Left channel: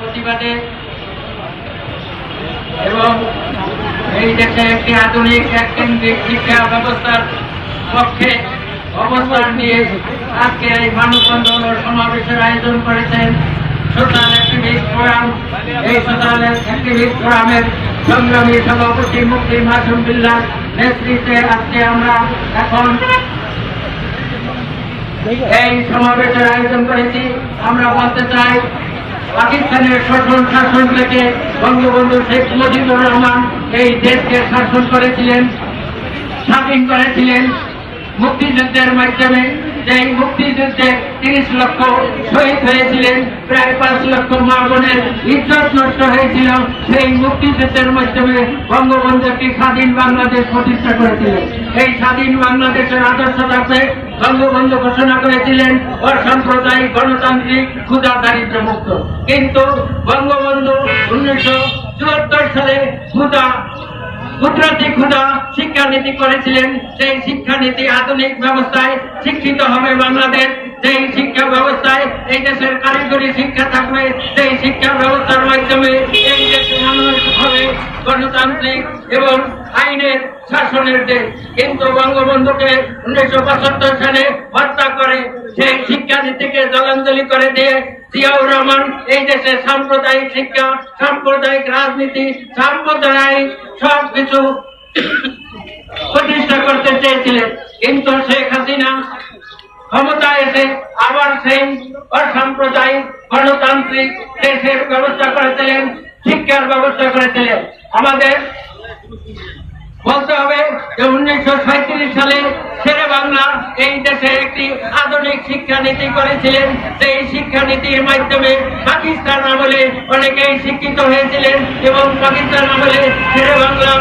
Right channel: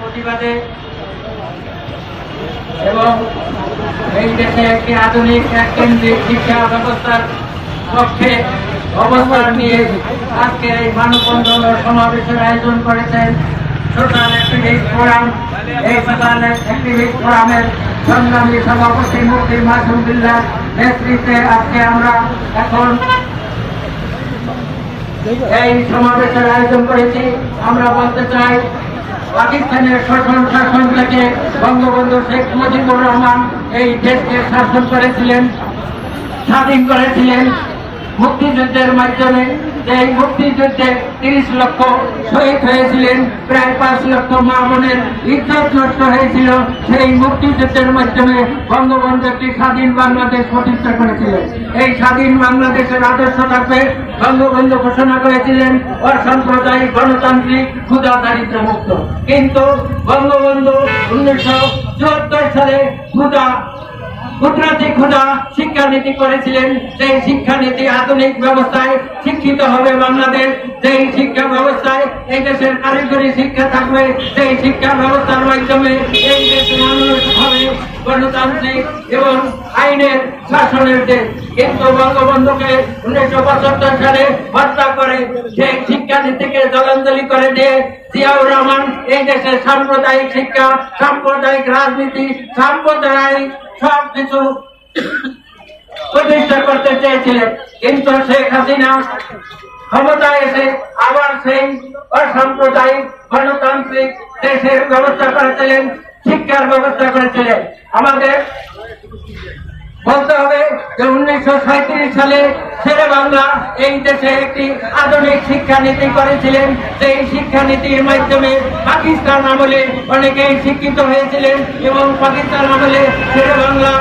প্রতিবাদে এবং এই দেশে একটি আধুনিক এক কেন্দ্রিক শিক্ষা ব্যবস্থার পক্ষে অবস্থান নিয়ে আজকে এই মানববন্ধন ও সমাবেশের আয়োজন করেছেন সোশ্যাল অ্যাক্টিভিস্ট ফোরাম। এই সোশ্যাল অ্যাক্টিভিস্ট ফোরামের সংগ্রামী সভাপতি মুফতি মাসুম বিল্লাহর নেতৃত্বে আজকে আমরা এখন এই সমাবেশের আয়োজন করেছি। আমরা বলতে চাই, পাকিস্তানের শোষণ শাসন থেকে বঙ্গবন্ধু শেখ মুজিবুর রহমান এই দেশকে শাসন করেছিলেন, স্বাধীন করেছিলেন মুক্তিযুদ্ধের মাধ্যমে। এই মুক্তিযুদ্ধে 30 লক্ষ শহীদ হয়েছিলেন, প্রায় 5 লক্ষ মা বোনের ইজ্জত নষ্ট হয়েছিল। সেই মুক্তিযুদ্ধের মাধ্যমে বঙ্গবন্ধু একটি স্বাধীন বাংলাদেশ প্রতিষ্ঠা করেছিলেন। এই স্বাধীন বাংলাদেশের আদর্শ থাকবে বঙ্গবন্ধু ঘোষণা করেছিলেন অসাম্প্রদায়িক, গণতান্ত্রিক, ক্ষুধা দারিদ্র মুক্ত। কিন্তু বঙ্গবন্ধু 1974 সালে কুদরতি ক্ষুধা শিক্ষানীতি করেছিলেন। সেই শিক্ষানীতি আধুনিক ব্যবস্থায় শিক্ষিত হবে বাংলাদেশ, সেই শিক্ষা ব্যবস্থায় এই দেশের কারিগরি শিক্ষা থাকবে, সেই শিক্ষা ব্যবস্থার মাধ্যমে এই দেশের মানুষ হবে গণতান্ত্রিক এবং আইনের শাসনের দেশ। কিন্তু বঙ্গবন্ধুকে 1975 সালে হত্যা করে সেই শিক্ষানীতিকে জলাঞ্জলি করে দিয়ে জিয়াউর রহমান এই দেশে সাম্প্রদায়িক শিক্ষা, সাম্প্রদায়িক রাজনীতি, সাম্প্রদায়িক সবকিছু প্রতিষ্ঠা করতে চেয়েছিলেন। কিন্তু শেখ হাসিনা ক্ষমতায় এসে আবার সেই অসাম্প্রদায়িক গণতান্ত্রিক দেশের ব্যবস্থা করেছিলেন, শিক্ষার ব্যবস্থা করেছিলেন। আমাদের বলতে হবে যে 1937 সালে শেরে বাংলা এই দেশে একটি আধুনিক শিক্ষানীতি করেছিলেন। সেই শিক্ষানীতির মাধ্যমে পাকিস্তান আমলে অনেকেই শিক্ষিত হয়েছিলেন এবং পাকিস্তান আমলে শেরে বাংলা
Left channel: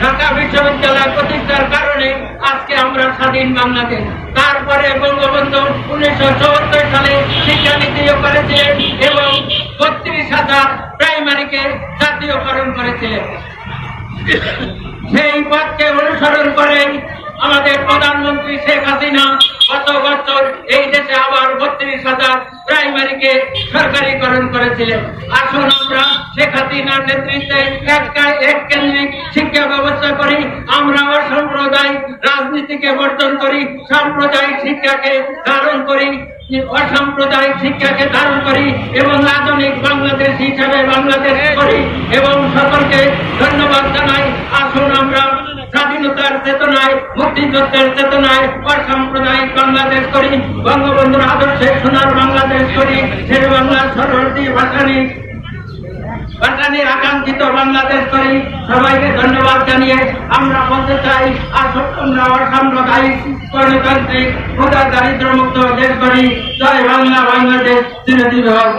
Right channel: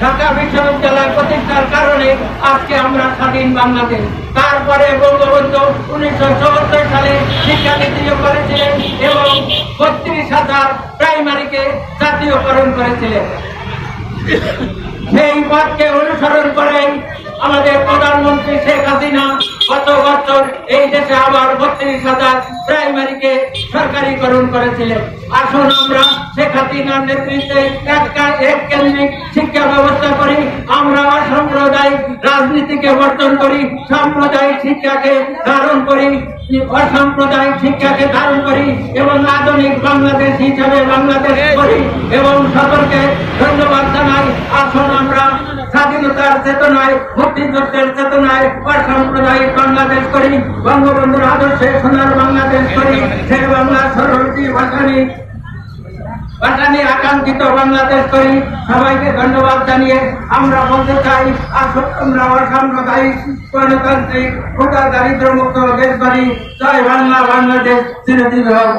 ঢাকা বিশ্ববিদ্যালয় প্রতিষ্ঠার কারণে আজকে আমরা স্বাধীন বাংলাদেশ। তারপরে বঙ্গবন্ধু 1974 সালে শিক্ষানীতিও করেছিলেন এবং 32,000 প্রাইমারিকে জাতীয়করণ করেছিলেন। সেই পথকে অনুসরণ করে আমাদের প্রধানমন্ত্রী শেখ হাসিনা গত বছর এই দেশে আবার 32,000 প্রাইমারিকে সরকারিকরণ করেছিলেন। আসুন আমরা শেখ হাসিনার নেতৃত্বে এক কেন্দ্রিক শিক্ষা ব্যবস্থা করি। আমরা অসাম্প্রদায়িক রাজনীতিকে বর্জন করি, সাম্প্রদায়িক শিক্ষাকে ধারণ করি, অসাম্প্রদায়িক শিক্ষাকে ধারণ করি এবং আধুনিক বাংলাদেশ হিসাবে বাংলাদেশ করি। এবং সকলকে ধন্যবাদ জানাই। আসুন আমরা স্বাধীনতার চেতনায়, মুক্তিযুদ্ধের চেতনায় অসাম্প্রদায়িক বাংলাদেশ করি, বঙ্গবন্ধুর আদর্শে সোনার বাংলাদেশ করি, শেরে বাংলা সরলটি ভাসানী আকাঙ্ক্ষিত বাংলাদেশ করি। সবাইকে ধন্যবাদ জানিয়ে আমরা বলতে চাই, আসুন আমরা অসাম্প্রদায়িক গণতান্ত্রিক ক্ষুধা দারিদ্র মুক্ত দেশ করি। জয় বাংলা, বাংলাদেশ চিরজীবী হোক।